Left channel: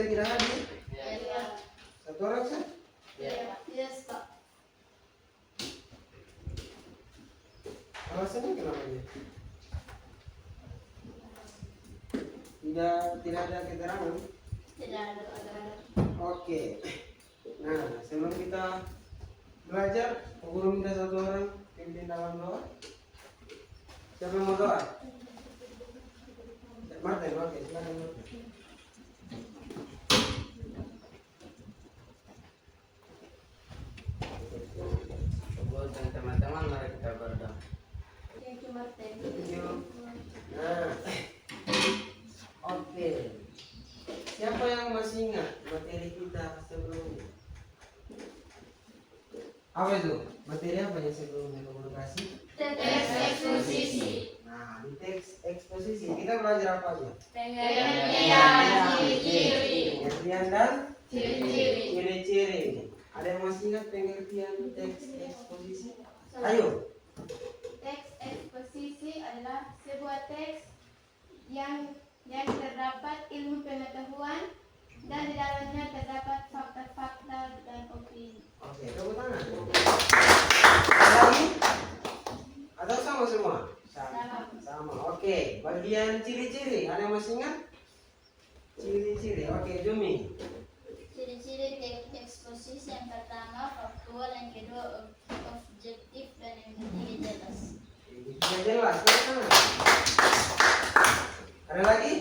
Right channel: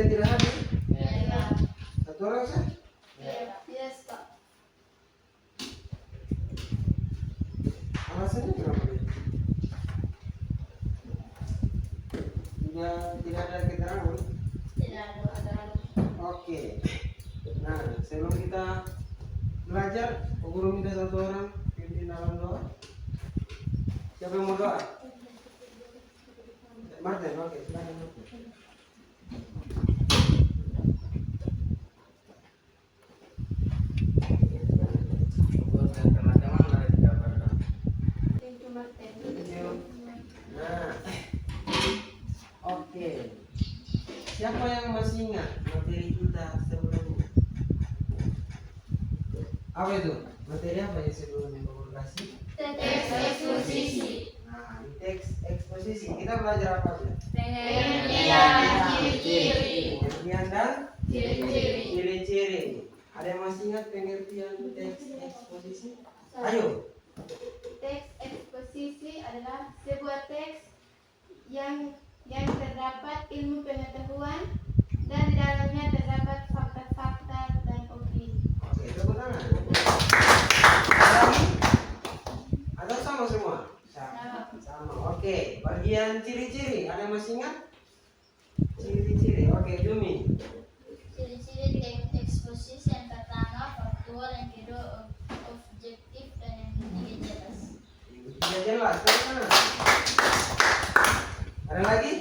yang tidak hadir? Ya. Satu orang sah? Ya. Yes, Pak. Alasannya kenapa dia? Tidak ada keterangan. Tidak ada. Oke. Nah, sebelum kita belajar, guru minta satu orang pimpin dalam doa. Siapa yang mau doa? Martin, oke, silakan Martin. Buat teman-teman mari kita berdoa. Thank you, Martin. Thank you. Nah, oke. Siapa yang masih ingat materi kita sebelumnya? Apa itu? Materi apa yang sebelumnya guru kasih? Teks eksposisi. Nah, di teks eksposisi kita belajar apa aja? Pengertian, ciri-ciri. Pengertian dan Ciri-ciri. ciri-ciri. Ada yang masih ingat pengertian teks eksposisi? Ayo. Teks eksposisi adalah sebuah teks yang terdapat ilmu pengetahuan dan di dalamnya terdapat fakta-fakta dan opini. Oke, tepuk tangan. Ada lagi? Atau sama semua? Sama. Oke, bagian ciri-ciri. Ada yang masih ingat? Ciri-ciri. Oke, Jumi. Ciri-ciri teks eksposisi yang pertama faktual, yang kedua objektif, dan yang ketiga jelas. Sudah jelas, tepuk tangan. Ada lagi?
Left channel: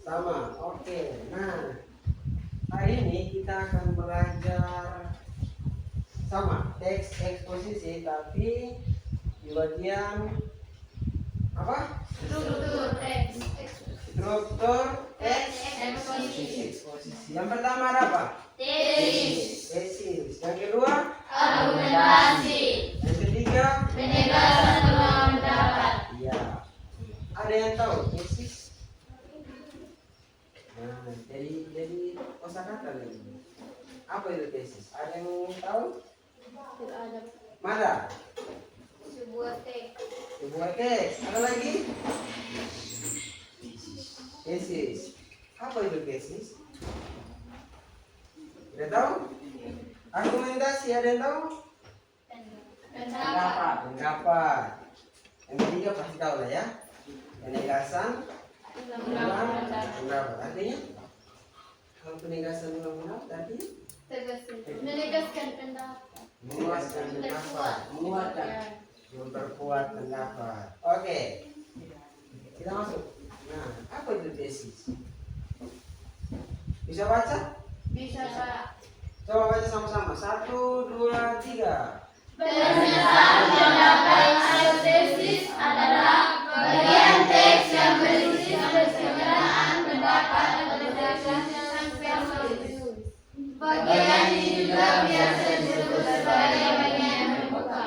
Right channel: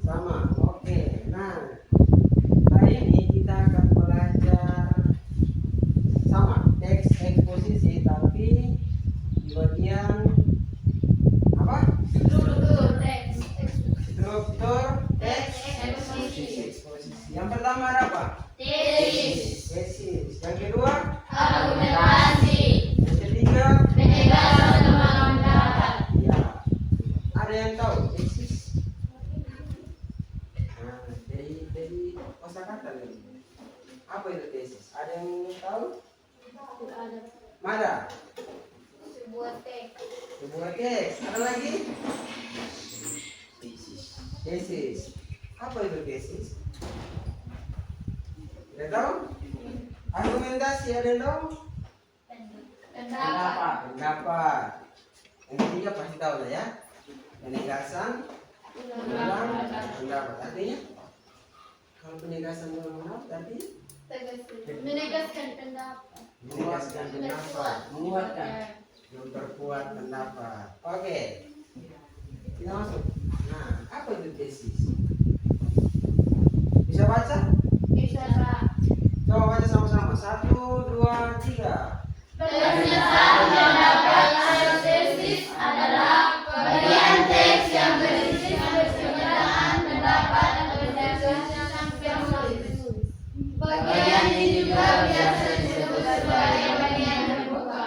Sama. Oke. Nah, hari ini kita akan belajar sama teks eksposisi, tapi di bagian apa? Struktur teks Struktur teks eksposisi. eksposisi. Yang pertama ada apa? Tesis, Tesis. Yang kedua? argumentasi, Yang ketiga? penegasan pemahaman pendapat. Ya. Ada yang tahu tesis? Nah, dari kosakata lagi. Apa itu tesis? Ada yang tahu? Tidak ada. Mana? Sebuah teks, Sebuah teks. Ada lagi? Tesis. Apa itu tesis? Ada tahu? Argumentasi ada yang tahu? Pendapat. Pendapat. Yang ketiga pasti tahu lah ya. Penegasan ulang pendapat. Artinya kalau penegasan ulang pendapat artinya Menegaskan pendapat. menegaskan pendapat, menguatkan, memperkuat pendapat. Oke, kita masuk. Nah, apa itu tesis? Bisa baca? Bisa, Pak. Coba baca sama-sama. 1, 2, 3. pernyataan pendapat atau tesis adalah bagian teks yang berisi pernyataan pendapat atau tesis yang tertulis. Bagian ini juga biasa disebut sebagai bagian terbuka.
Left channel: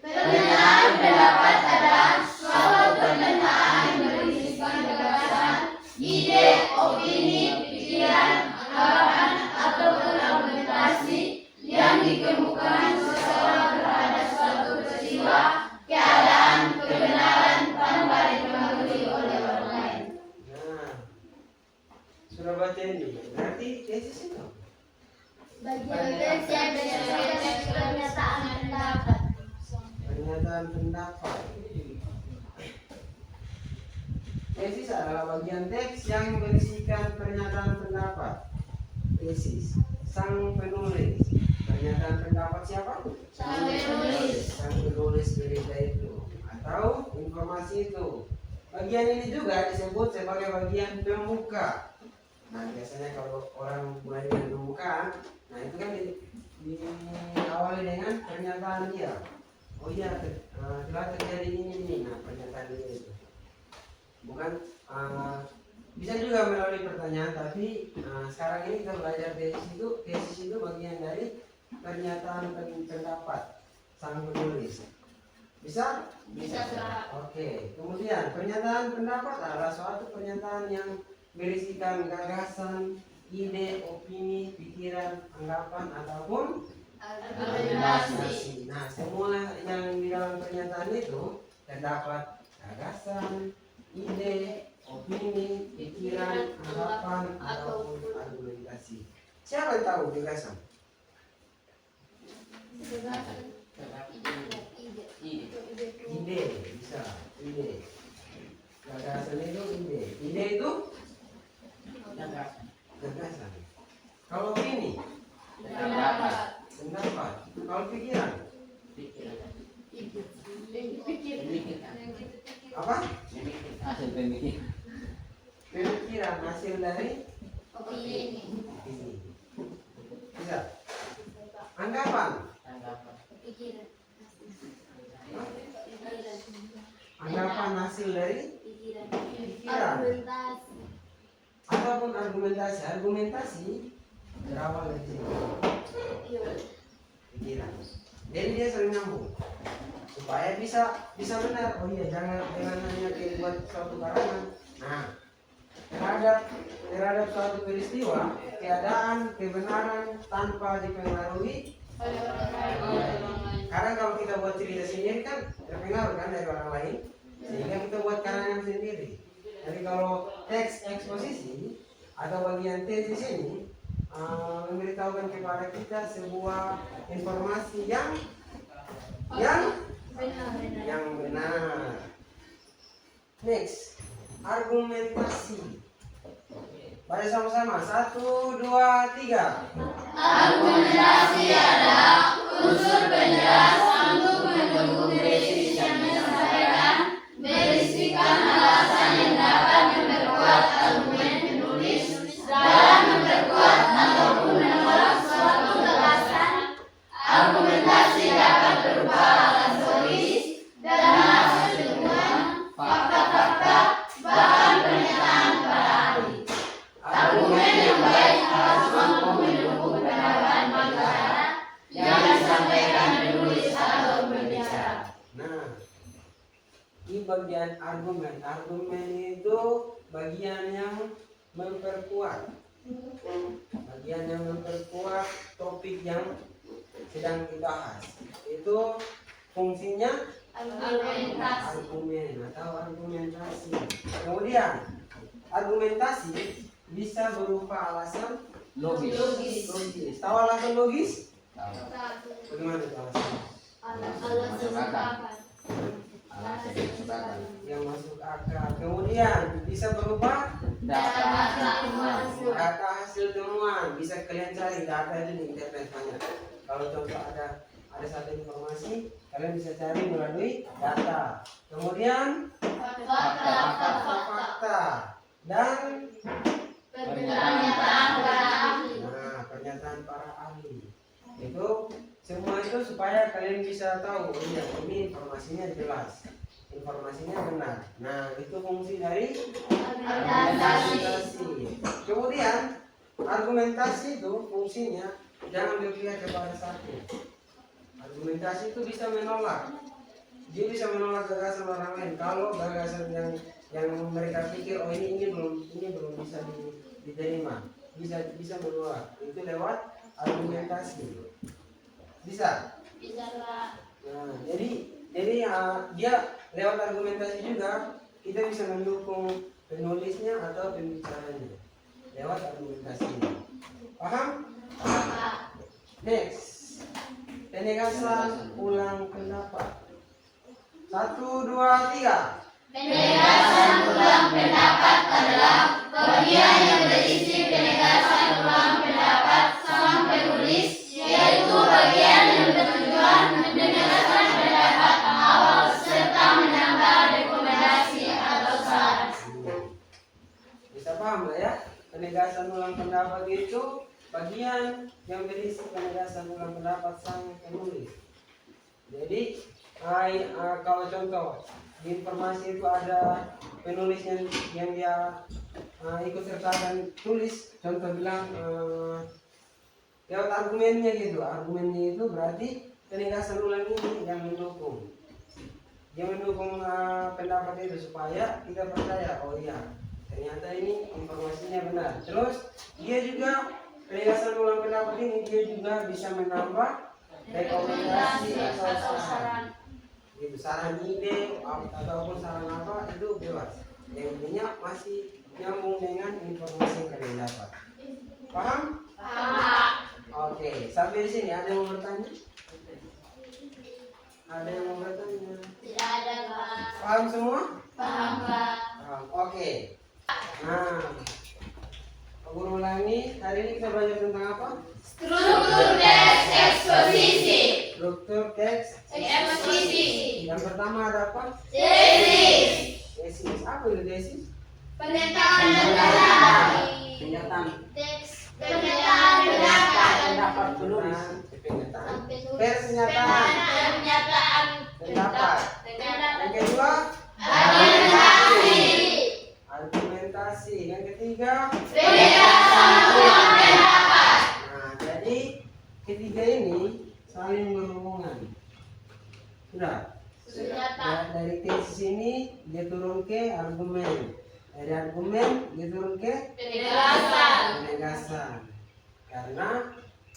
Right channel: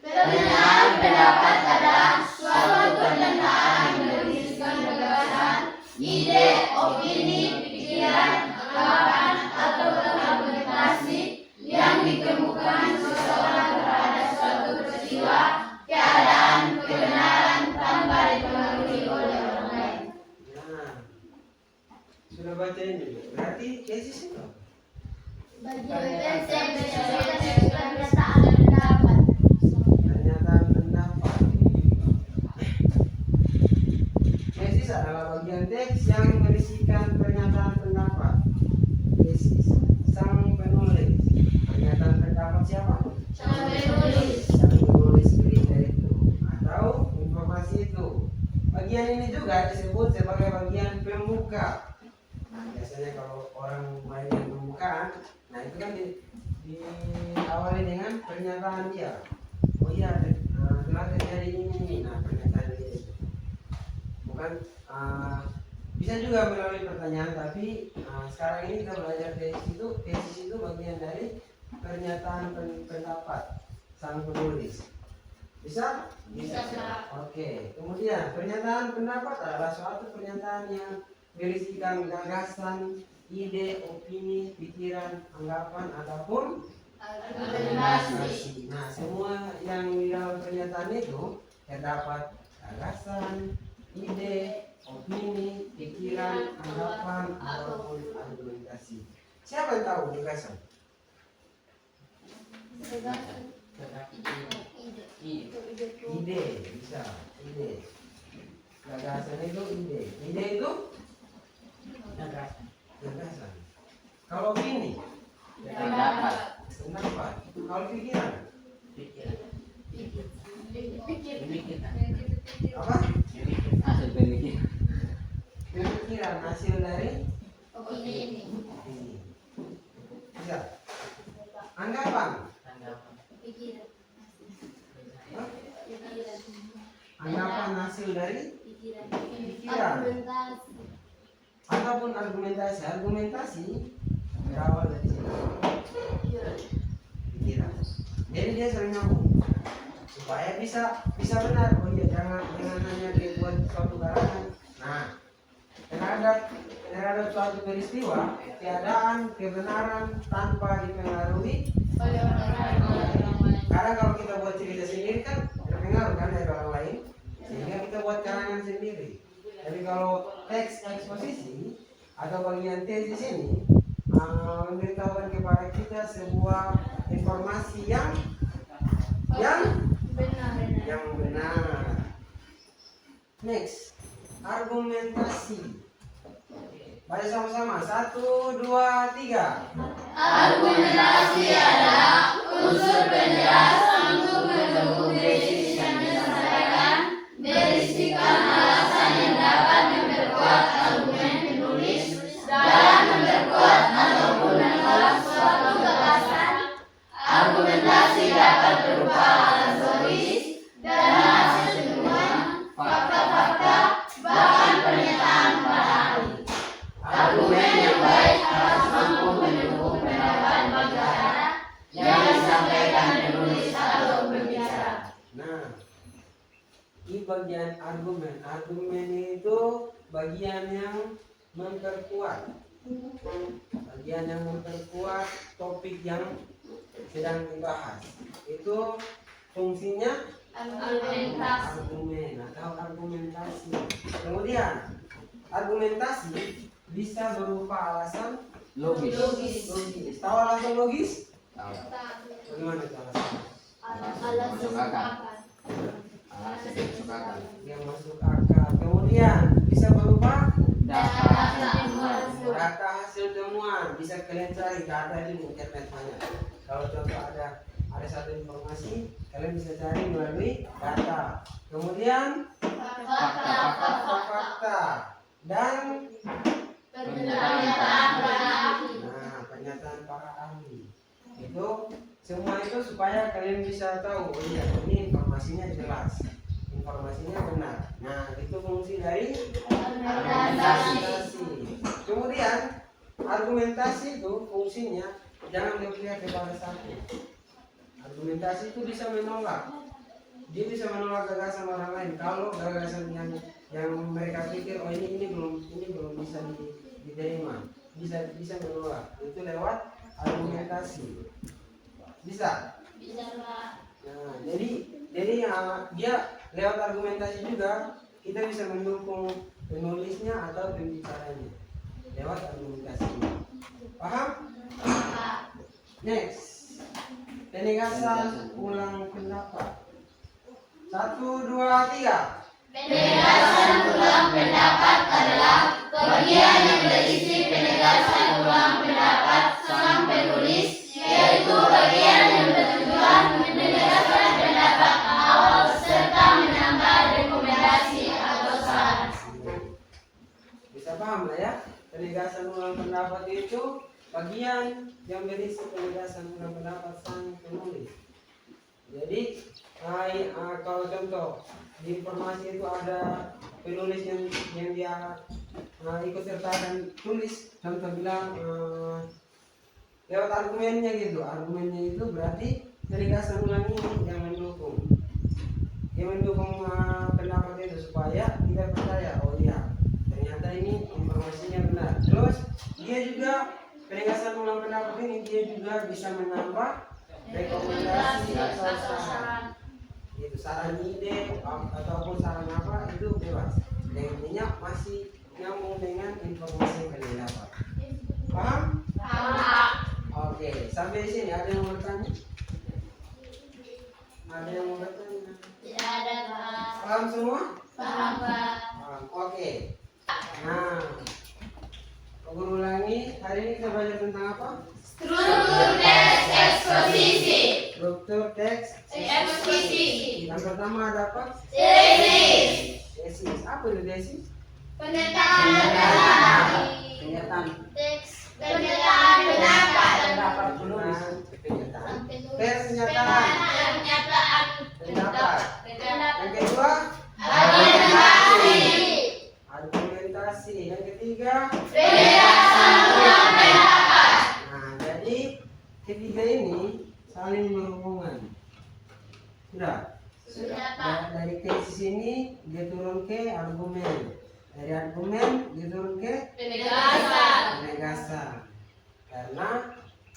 Pernyataan pendapat adalah suatu pernyataan yang berisikan gagasan, ide, opini, pikiran, anggapan, atau argumentasi yang dikemukakan seseorang terhadap suatu peristiwa, keadaan, kebenaran tanpa dipengaruhi oleh orang lain. Nah, sudah baca ini. Berarti tesis itu Bagian teks yang berisi pernyataan pendapat. pernyataan pendapat. Tesis adalah bagian teks yang berisikan pernyataan pendapat. Tesis sang penulis. Pernyataan pendapat siapa? Sang penulis. Sang penulis berita itu atau informasi itu. Bagian ini juga disebut sebagai bagian pemuka. Nah, biasanya kalau orang bagian pembukaan, nah itu kan diawali dengan pernyataan dia. Oh iya, telah terjadi ini. Nah, pernyataan dia itu. Bukan bisa juga melalui pertanyaan, tapi sekarang ini kita belajar tesis itu bagian dari pernyataan pendapat sang penulis. Bisa? Bisa, Pak. Oke. Kemudian pernyataan pendapat adalah suatu pernyataan yang berisikan gagasan, ide, opini, pikiran, anggapan ataupun argumentasi. Nah, semua yang di dalam pernyataan itu terdapat gagasan, ide, opini, pikiran, anggapan, ataupun argumentasi. Siapa yang tahu gagasan? Gagasan. Ide. Ide, bisa. Ide. Gagasan itu ide. Ide itu gagasan. Kalau opini, Pendapat. pendapat. Kalau pikiran, Pikiran. apa? Hasil pemikiran. Pemikiran hasil dari Opini. opini. Bisa. Anggapan, Tanggapan. Pikiran. anggapan hasil dari Pikiran. pikiran Argumentasi. ataupun argumentasi. Argumentasi berawal dari sini. Pikiran. Jadi dia sering nyambung supaya bisa benar. Oh iya, jangan hanya dibuat suatu karangan. Nah, terhadap suatu peristiwa, keadaan, kebenaran tanpa dipengaruhi. Oleh orang lain. Kadang kalau kita buat cerita sendiri kan terpengaruh kan dari orang lain, sehingga kita buat karangan sendiri. Jadi kalau teks eksposisi atau bagian tesis ini memberitahukan kepada kita sebuah informasi yang benar. Next, argumentasi. Baca sama-sama. 1, 2, 3. Argumentasi adalah unsur penjelas untuk mendukung tesis yang disampaikan, berisikan alasan yang dapat memperkuat argumen penulis dalam memperkuat ataupun menolak suatu gagasan. Argumentasi dapat berupa alasan logis dan hasil ilmuwan, fakta-fakta, bahkan pernyataan para ahli. Argumen yang baik harus mampu mendukung pendapat bicara yang disampaikan penulis atau berbicara. Nah, di bagian argumen. Argumen itu bagian yang memperkuat. Bagian yang memperkuat topik yang sedang dibahas. Itu fungsinya Argumentasi. argumen atau argumentasi. Kemudian argumentasi bisa berupa alasan Logis. logis. Tahu alasan logis? Tahu. Bagaimana itu alasan? Alasan sepakat. Alasan yang masuk akal. Yang masuk akal. Kemudian bisa berupa data hasil temuan. Bisa kalian cari data itu di internet banyak. Kalau contoh ada satu informasi, kalian bisa cari melalui data. Kemudian fakta dan Pernyataan para ahli. pernyataan para ahli. Itu semua itu supaya kalian bisa tahu, oh iya, ini informasinya jelas, informasinya benar. Nah, itu fungsi dari argumentasi. Kemudian argumentasi itu fungsinya jangan berpihak kepada satu. Argumentasi itu bisa menolak. Dia bisa menolak gagasan orang lain. Kalau gagasan yang mereka pikir, oh ini belum bisa diterima, bisa menolak. Itu lewat argumentasi. Bisa. Pak. Nah, jadi dia lewat argumentasi juga kita bisa mendukung penulisnya atau pembicaranya lewat argumentasi. Paham? Next. Penegasan ulang pendapat. 1, 2, 3. Penegasan ulang pendapat adalah bagian yang berisi penegasan ulang pendapat sang penulis, yaitu bagian yang bertujuan menegaskan pendapat awal serta menambah rekomendasi atau saran. Bisa paham lah ya? Penegasan ulang pendapat itu bagian yang berisi penegasan ulang pendapat sang penulis. Jadi kalau contoh di informasi itu ada penulis yang dia ikut sertakan tulis, contoh bilang lewat argumennya gitu. Argumennya itu berarti penegasan ulang ini yang mendukung pendapat itu supaya kita percaya, oh iya ternyata ini informasinya benar. Terus dia juga penegasan ulang pendapat ini dia juga bisa menambah rekomendasi atau saran. Itu saran ide ataupun saran apa itu bebas. Yang intinya masih nyambung dengan informasi yang kalian dapat. Paham? Paham. Oke, sampai di sini ada yang mau bertanya? Ada yang mau bertanya? Tidak ada, Pak. Paham semua? Paham, Pak. Paham. Oke. Nah, Pak Guru ulangi. Hari ini kita belajar tentang apa? Struktur teks eksposisi. Struktur teks. Eksposisi. Yang pertama ada apa? Tesis. Tesis. Apa itu tesis? Pernyataan pendapat. Pernyataan. Teks Pernyataan pendapat. Pendapat penulis. Pernyataan. pernyataan. Pernyataan. Pendapat. Yang kedua, Argumentasi. argumentasi. Yang ketiga, Penjelasan ulang pendapat. nah jadi ketiga ini saling berhubungan. Sudah. Sudah, Pak. Dari tesis ini dia turun ke argumen. Dari argumen dia turun ke Penegasan. penegasan. Karena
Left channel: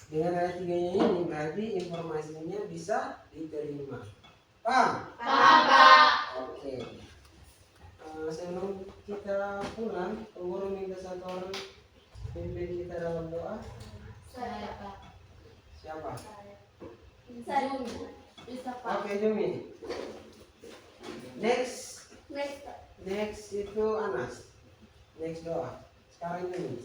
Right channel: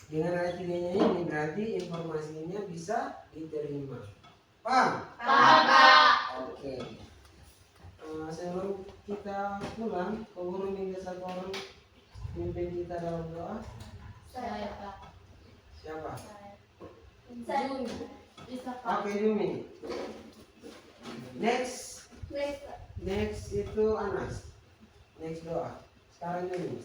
dengan ada tiganya ini berarti informasinya bisa diterima. Paham? Paham, Pak. Oke. Sebelum kita pulang, Guru minta satu orang pimpin kita dalam doa. Saya, Pak. Siapa? Jumi. Oke, Jumi. Next itu Anas. Next doa. Sekarang Jumi.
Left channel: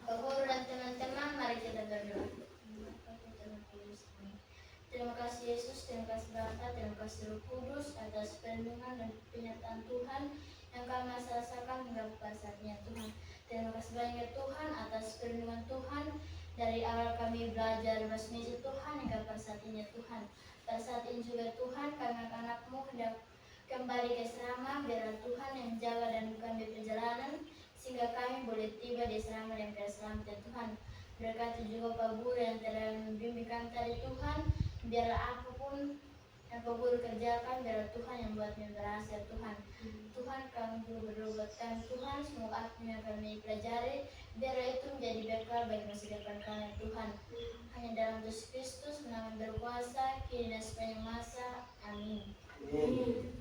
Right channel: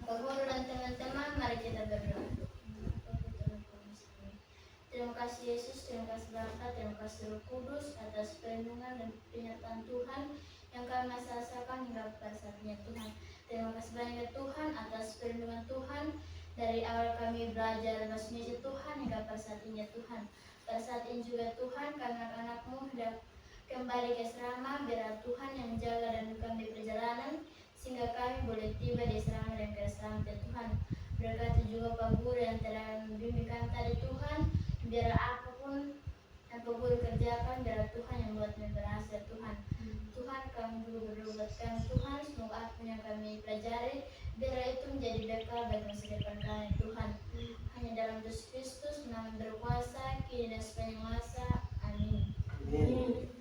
Pak Guru dan teman-teman, mari kita berdoa. Terima kasih Yesus, terima kasih Bapa, terima kasih Roh Kudus atas perlindungan dan penyertaan Tuhan yang kami masih rasakan hingga pada saatnya Tuhan. Terima kasih banyak ya Tuhan atas perlindungan Tuhan dari awal kami belajar bahasa Indonesia Tuhan hingga pada saat ini ya Tuhan. Pada saat ini juga Tuhan kami anak-anak-Mu hendak kembali ke asrama, biar Tuhan yang menjaga dan kami perjalanan sehingga kami boleh tiba di asrama dan ke asrama ya Tuhan. Berkati juga Pak Guru yang telah membimbingkan tadi Tuhan, biar apapun yang Pak Guru kerjakan, biar Tuhan yang buat kami berhasil Tuhan. Tuhan kami dulu berdoa buat kami Tuhan, semoga apa yang kami pelajari biar itu menjadi bekal bagi masa depan kami Tuhan. Hanya dalam Yesus Kristus kami berkuasa kini dan sepanjang masa. Amin. Amin.